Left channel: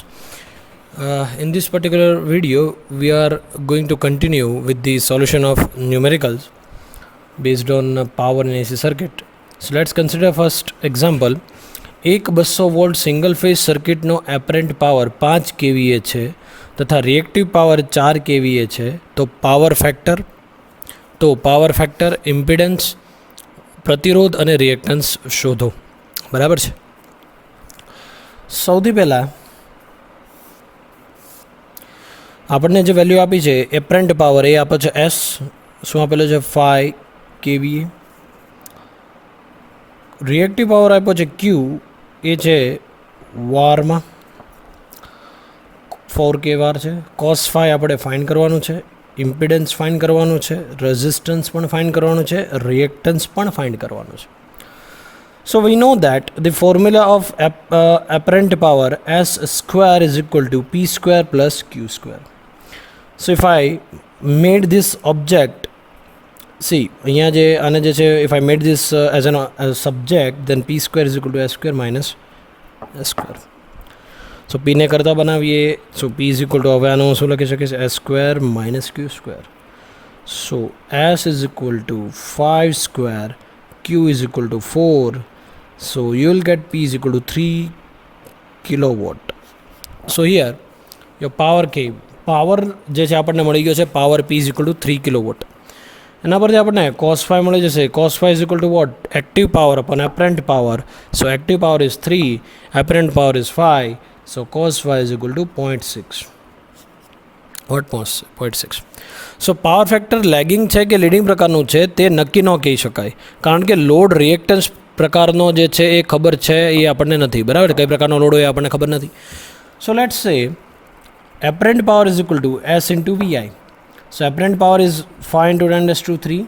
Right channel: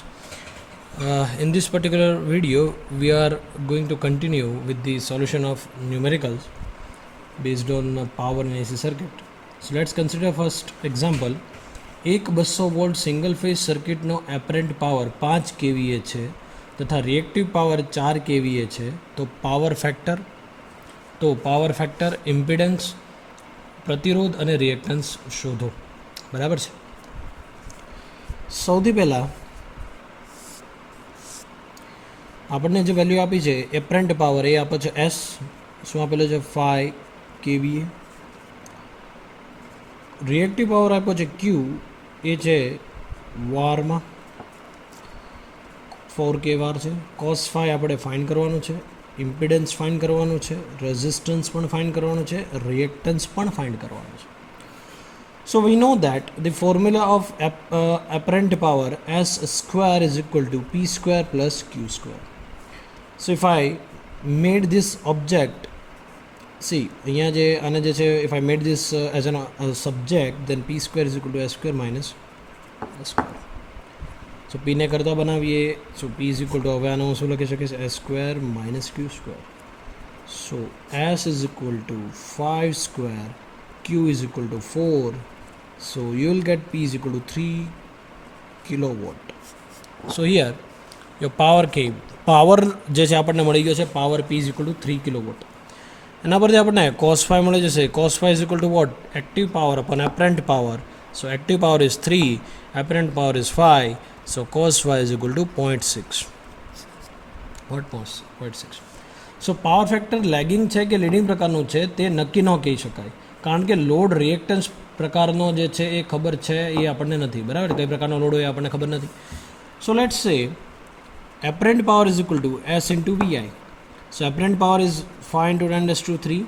students. In this particular video, we are going to continue with the solution of numericals based on power in AC circuit. So let's consider first example. એક 200 volt single phase સર્કિટનો apparent power 5 kVA છે તથા reactive power 4 kVA છે. તો power factor impedance પ્રતિરોધ અને reactance શોધો. બરાબર છે. સૌથી પહેલાં આપણને જે વેલ્યુ આપી છે એપરન્ટ પાવર એ આપે છે એસ, શું આપેલો છે 5 kVA. રિએક્ટિવ પાવર આપ્યો છે ક્યુ, એ છે વારમાં 4k વાર છે. કોસ ફાઈ આપણે ફાઇન્ડ કરવાનું છે, ઇમ્પિડન્સ ફાઇન્ડ કરવાનું છે, રેઝિસ્ટન્સ પણ ફાઇન્ડ કરવાનું છે, રિએક્ટન્સ પણ ફાઇન્ડ કરવાનું છે. So we know that the formula of apparent power S square is equal to P square plus Q square. So if I made this object, see અહીંયા જે આને જે છે, if I made this as a subject, then P square is equal to S square minus S square. So P ને કરતા બનાવીએ, so P is equal to, હવે આનું શું લખી શકીશ, S square minus Q square. So S is equal to 5 square, Q is equal to 4. So you will get P is equal to 3 kilowatt. So here your power came, power જે છે આપણને મળી ગયો છે power P is equal to 3 kilowatt. એના પરથી આપણને cos phi મળી જશે. cos phi is equal to what? Active power upon apparent power. So active power is 3, apparent power is 5. So cos phi is equal to 0.6. What? 0.6. So power factor lagging છે કે leading પ્રકારનું છે તે નક્કી ન કહી શકાય, કારણ કે લોડ રિએક્ટન્સ પ્રકારનો જે છે એ ખબર છે એ આપણને નથી. બરાબર, કઈ પ્રકારનો લોડ હોય એ આપણને ખબર નથી. સો લેટ્સ સે apparent power is equal to S into VI. So apparent power is 5 into 10 raised to 3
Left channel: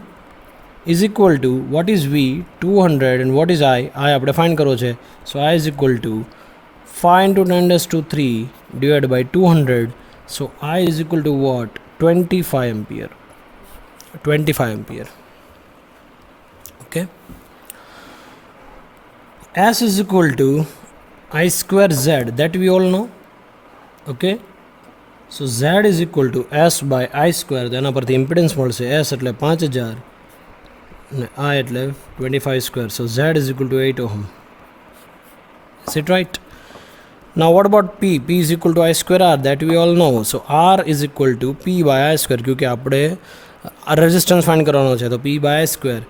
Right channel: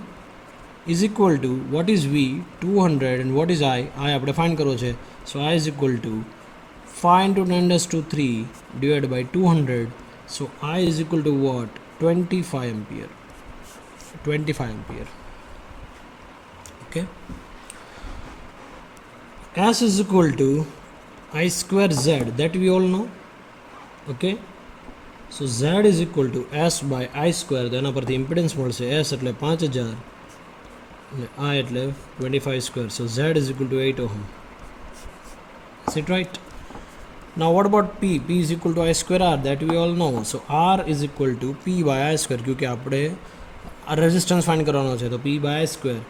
is equal to, what is V? 200, and what is I? I આપણે ફાઇન્ડ કરવો છે. So I is equal to 5 into 10 raised to 3 divided by 200. So I is equal to what? 25 ampere. 25 ampere. Okay. S is equal to I square Z, that we all know. Okay. So Z is equal to S by I square. તેના પરથી impedance મળશે S એટલે 5000 અને I એટલે 25 square. So Z is equal to 8 ohm. Is it right? Now what about P? P is equal to I square R, that we all know. So R is equal to P by I square, क्योंकि આપણે resistance find કરવાનો છે. તો P by I square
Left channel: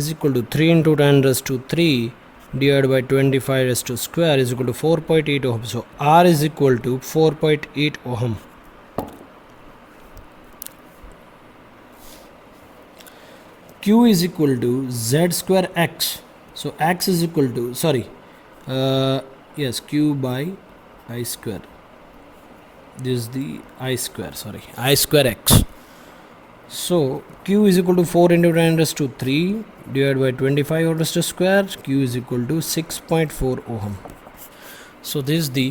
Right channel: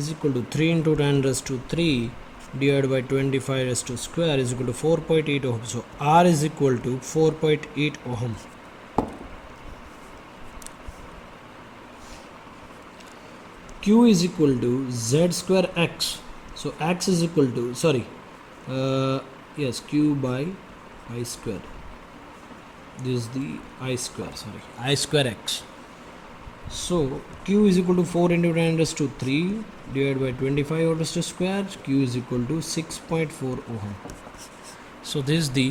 is equal to 3 into 10 raised to 3 divided by 25 raised to square is equal to 4.8 ohm. So R is equal to 4.8 ohm. Q is equal to Z square X. So X is equal to, yes, Q by I square. This is the I square, I square X. So Q is equal to 4 into 10 raised to 3 divided by 25 raised to square. Q is equal to 6.4 ohm. So this is the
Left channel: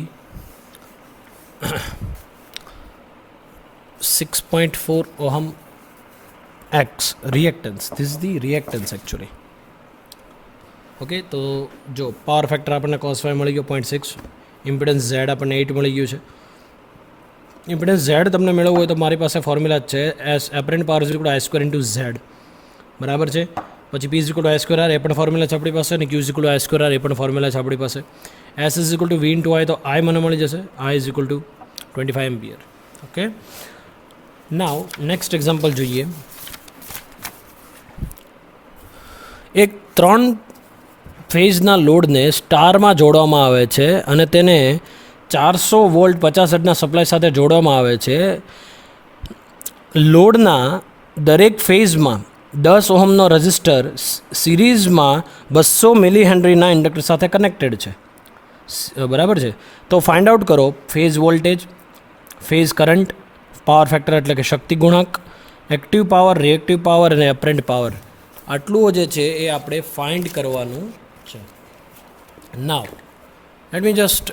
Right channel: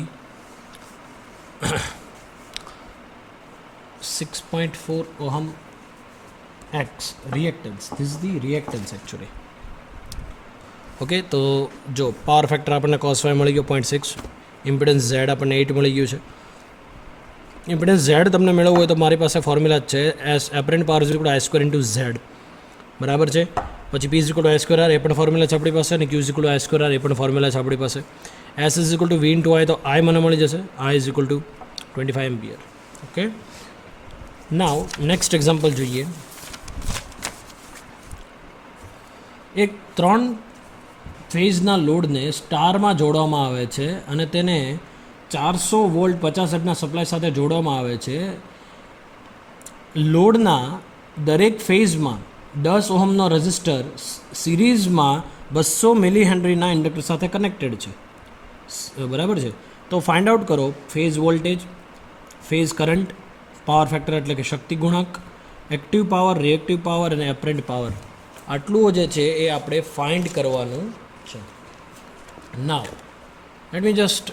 6.4 ohm X reactance. This is the reactance actually. Okay, તો જો power factor આપણને cos phi મળી ગયો 0.6, impedance Z આપણને 8 મળી ગયું છે. Impedance Z તમને મેળવવું હોય તો મારી પાસે ફોર્મ્યુલા જ છે, S apparent power is equal to I square into Z. બરાબર છે. પછી P is equal to I square R, એ પણ ફોર્મ્યુલા છે આપણી પાસે, અને Q is equal to I square R, એ પણ ફોર્મ્યુલા છે આપણી પાસે. S is equal to V into I, તો I મને મળી જશે, I is equal two 25 ampere. Okay, now next example જોઈએ. એક 3 ફેઝના લોડને સ્ટારમાં જોડવામાં આવે છે અને તેને 400 વોલ્ટ 50 હર્ટ્ઝના સપ્લાય સાથે જોડવામાં આવે છે. લોડના દરેક ફેઝમાં 10 ઓહમનો રેઝિસ્ટર સિરીઝમાં 200 મિલી હેનરીના ઇન્ડક્ટર સાથે કનેક્ટેડ છે. બરાબર છે. તો ફાઇન્ડ આઉટ કરો phase voltage, phase current, power factor એટલે કે શક્તિ ગુણાંક, એક્ટિવ પાવર, રિએક્ટિવ પાવર અને એપરન્ટ પાવર. આટલું જે છે એ આપણે ફાઇન્ડ કરવાનું છે. Now let me just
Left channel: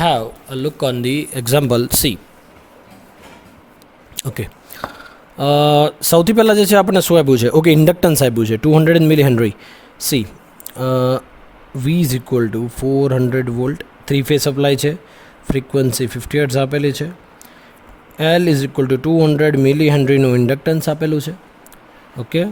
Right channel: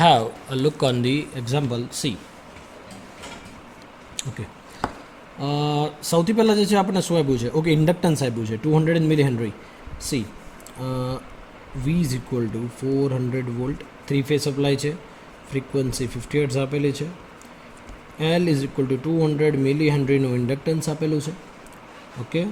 have a look on the example C. Okay, સૌથી પહેલાં જે છે આપણને શું આપ્યું છે? ઓકે, ઇન્ડક્ટન્સ આપ્યું છે 200 milli henry. See V is equal to 400 volt 3 phase supply છે, ફ્રીક્વન્સી 50 હર્ટ્ઝ આપેલી છે, L is equal to 200 milli હેનરીનું ઇન્ડક્ટન્સ આપેલું છે. ઓકે,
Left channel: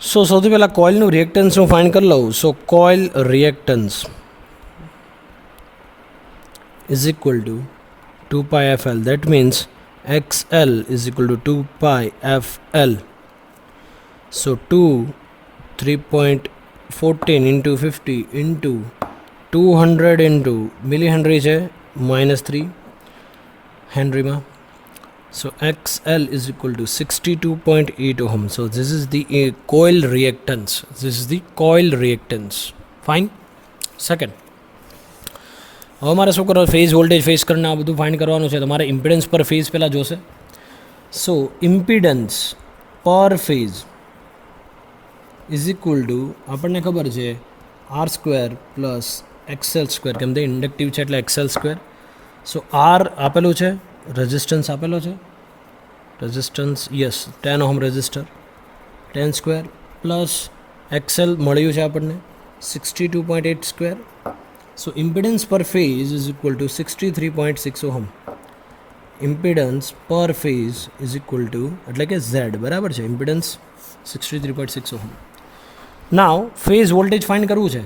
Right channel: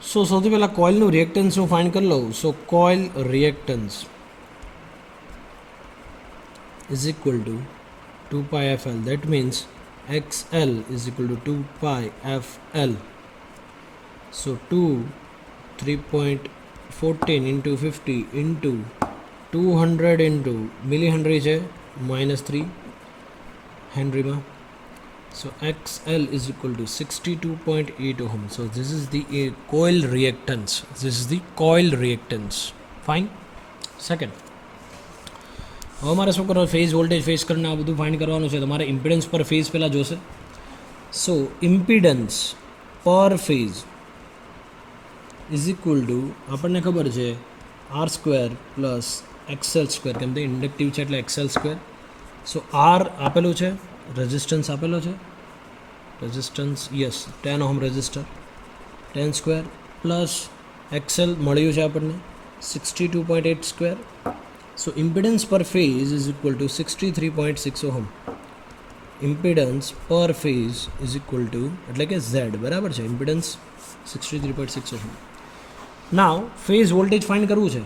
સો સૌથી પહેલાં કોઇલનું રિએક્ટન્સ હું ફાઇન્ડ કરી લઉં. So coil reactance is equal to 2 pi fl. That means xl is equal to 2 pi fl. So 3.14 into 50 into 200 into millihenry છે -3 Henry માં. So xl is equal to 62.8 ohm. So this is the coil reactance. This is the coil reactance. Fine. Second, હવે મારે શું કરવાનું, phase voltage, phase current આ બધું find કરવાનું છે. તો મારે ઇમ્પિડન્સ પર ફેઝ પહેલાં જોશે. સો ઇમ્પિડન્સ પર ફેઝ ઇઝ ઇક્વલ ટુ આપણને ખબર છે R² પ્લસ XL², કેમ તે ઇન્ડક્ટિવ છે એટલે XL². સો R આપેલું છે, રેઝિસ્ટન્સ આપેલો છે, resistance yes 10 ohm resistor, 10² plus XL મળ્યું છે આપણને 62.8². So impedance per phase is equal to 63.6 ohm. Impedance per phase is equal to એટલે કે Z બરાબર છે, impedance 63.6 ohm. Now phase voltage find કરવું છે.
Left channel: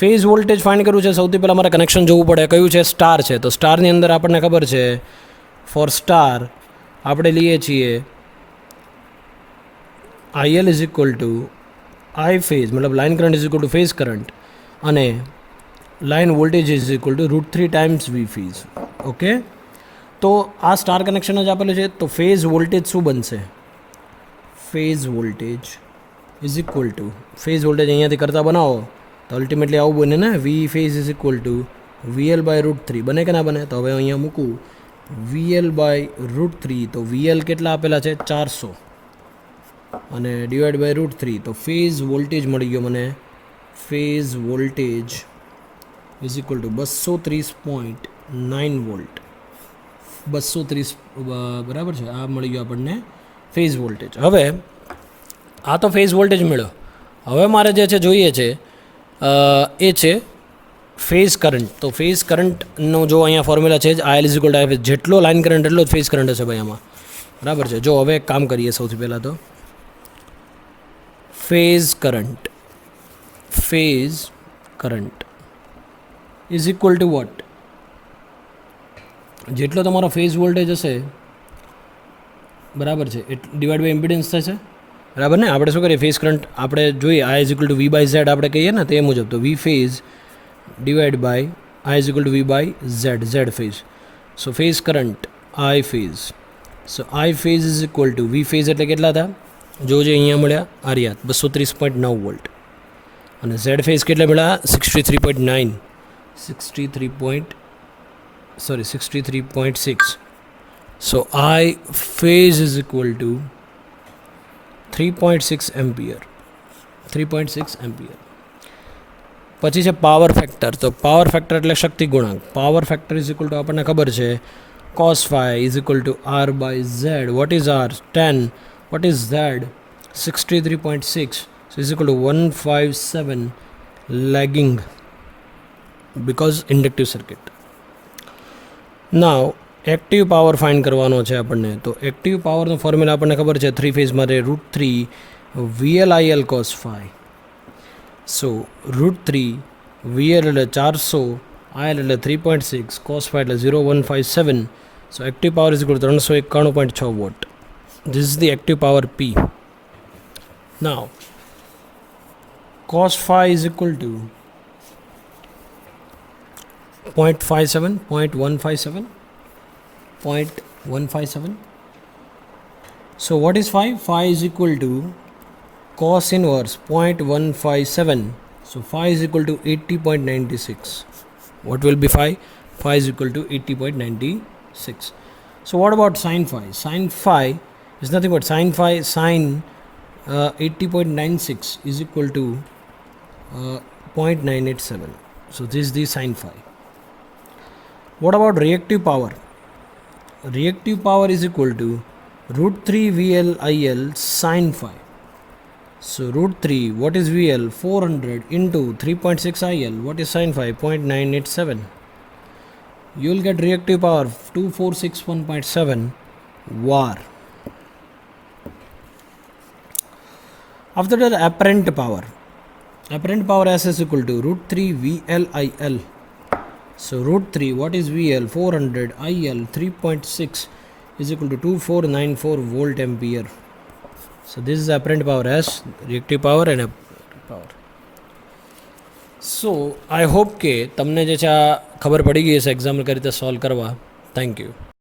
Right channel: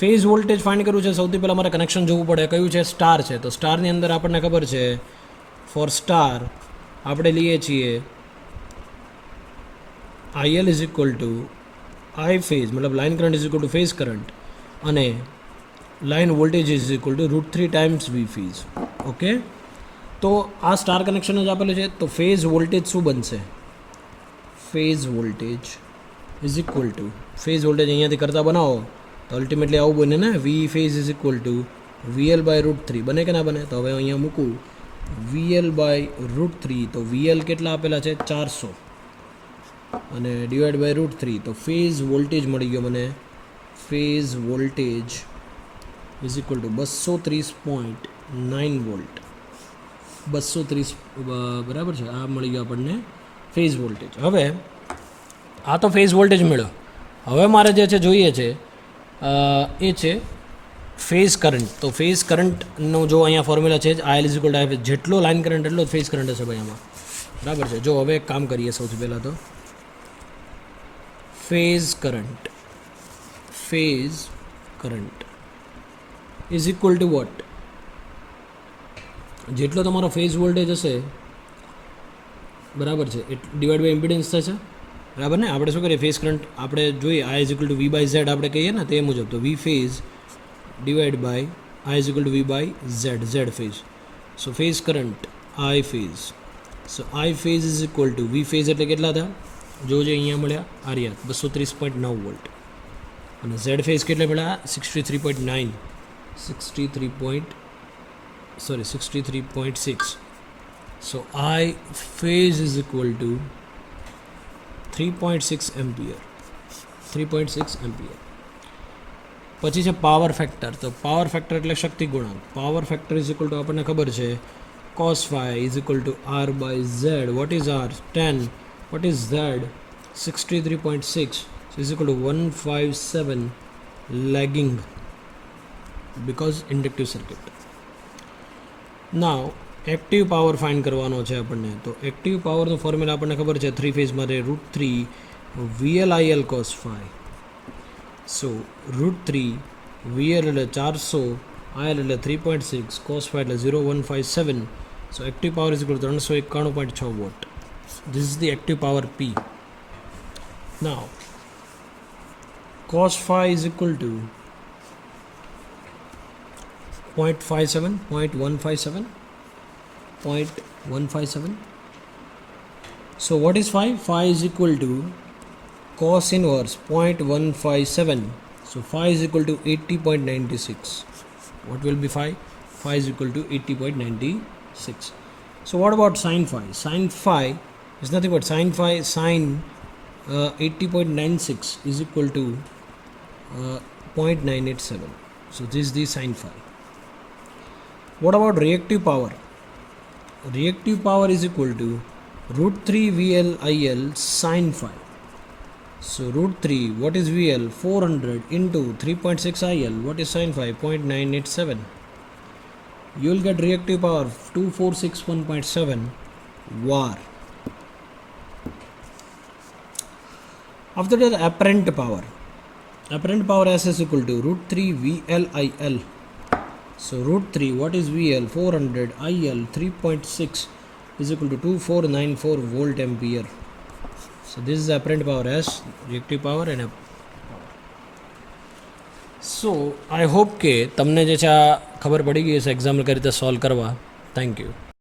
ફેઝ વોલ્ટેજ ફાઇન્ડ કરવું છે. સૌથી પહેલાં મારે કનેક્શન જોવું પડે. કયું છે? સ્ટાર છે. તો સ્ટારની અંદર આપણને ખબર છે ફોર સ્ટાર આપણે લઈએ છીએ IL is equal to I phase, મતલબ line current is equal to phase current, અને line voltage is equal to √3 times V phase. Okay, તો આ સ્ટાર કનેક્શન જ આપેલું છે. તો ફેઝ વોલ્ટેજ શું બનશે? Phase voltage is equal to, phase voltage અહીંયાથી કરતા બનાવો તો અલ્ટિમેટલી આવું બને ને, V phase is equal to VL by √3. બને કે ના બને? તો હવે અહીંયા મૂકું VL બાય √3. તો VL કેટલા આપેલા છે? 400, અને ડિવાઈડ બાય √3. તો ફેઝ વોલ્ટેજ મળી ગયો મને. Phase voltage is equal two 230.9 volt. 230 બરાબર છે. આ મળી ગયો આપણને ફેઝ વોલ્ટેજ. હવે આ તો ફેઝ વોલ્ટેજ મળ્યો. હવે મારે જે છે જોઈએ છે એ છે ફેઝ કરંટ. તો ફેઝ કરંટનો જો અહીંયા ફોર્મ્યુલા છે જ, IL is equal to I phase. જેટલો લાઇન કરંટ એટલો જ ફેઝ કરંટ હશે ભાઈ આમાં, બરાબર છે. જો હવે એક કામ કરીએ, સૌથી પહેલાં તો phase current is equal to what? જેટલો તમારો ફેઝ વોલ્ટેજ હશે બરાબર છે ડિવાઈડ બાય ઇમ્પિડન્સ થશે, બરાબર ને. આપણે શું કરીએ, ફેઝ કરંટ આપણે જોઈએ I is equal to V by Z આપણે કહીએ ને તે મુજબ. તો V phase divided by I is equal to V by Z phase. So phase current I phase. So I phase is equal to V phase એટલે કેટલા હતા? જોજે અહીંયા મળ્યા આર્યા 230.9 વોલ્ટ, અને Z ફેઝ કેટલા મળ્યા? 63.6. So I phase is equal to 3.6 ampere. પછી છે પાવર ફેક્ટર. તો પાવર ફેક્ટર એટલે શક્તિ ગુણાંક. Power factor is equal to આપણને ખબર છે cos phi is equal to R by Z. What is R? 10. What is Z? 63.6. So is equal to 157 lagging because inductive circuit. Now active power find કરવાનો છે આપણને. તો active પાવરનો formula આપણને ખબર છે 3 ફેઝ માટે √3 VLIL cos phi. સો √3 VL એટલે 400, IL એટલે 3.6, cos phi એટલે 0157. So active power is equal 391.6 watt. This is the active power P. Now cos phi is equal to 0.157. So what is phi? Phi is equal to cos inverse 0.157. So phi is equal to 80.96. What will be phi? Phi is equal to 80.96. So what about sin phi? Sin phi is nothing but sin 80.96 is equal to 0.987. So this is the sin phi. What about reactive power? reactive power is equal to root 3 VL IL sin phi. So root 3, what is VL? 400 into 3.6 IL, what is sin phi? 0.987. You will get reactive power 2461.7 var. After that, apparent power S is equal to root 3 VL IL. So root 3, what is VL? 400 IL 3.6 is equal to 2494 volt ampere. So this is apparent power S, reactive power and apparent power. So I hope કે તમને જે છે આ ખબર પડી ગઈ હશે example કઈ રીતે સોલ્વ કરવા. Thank you.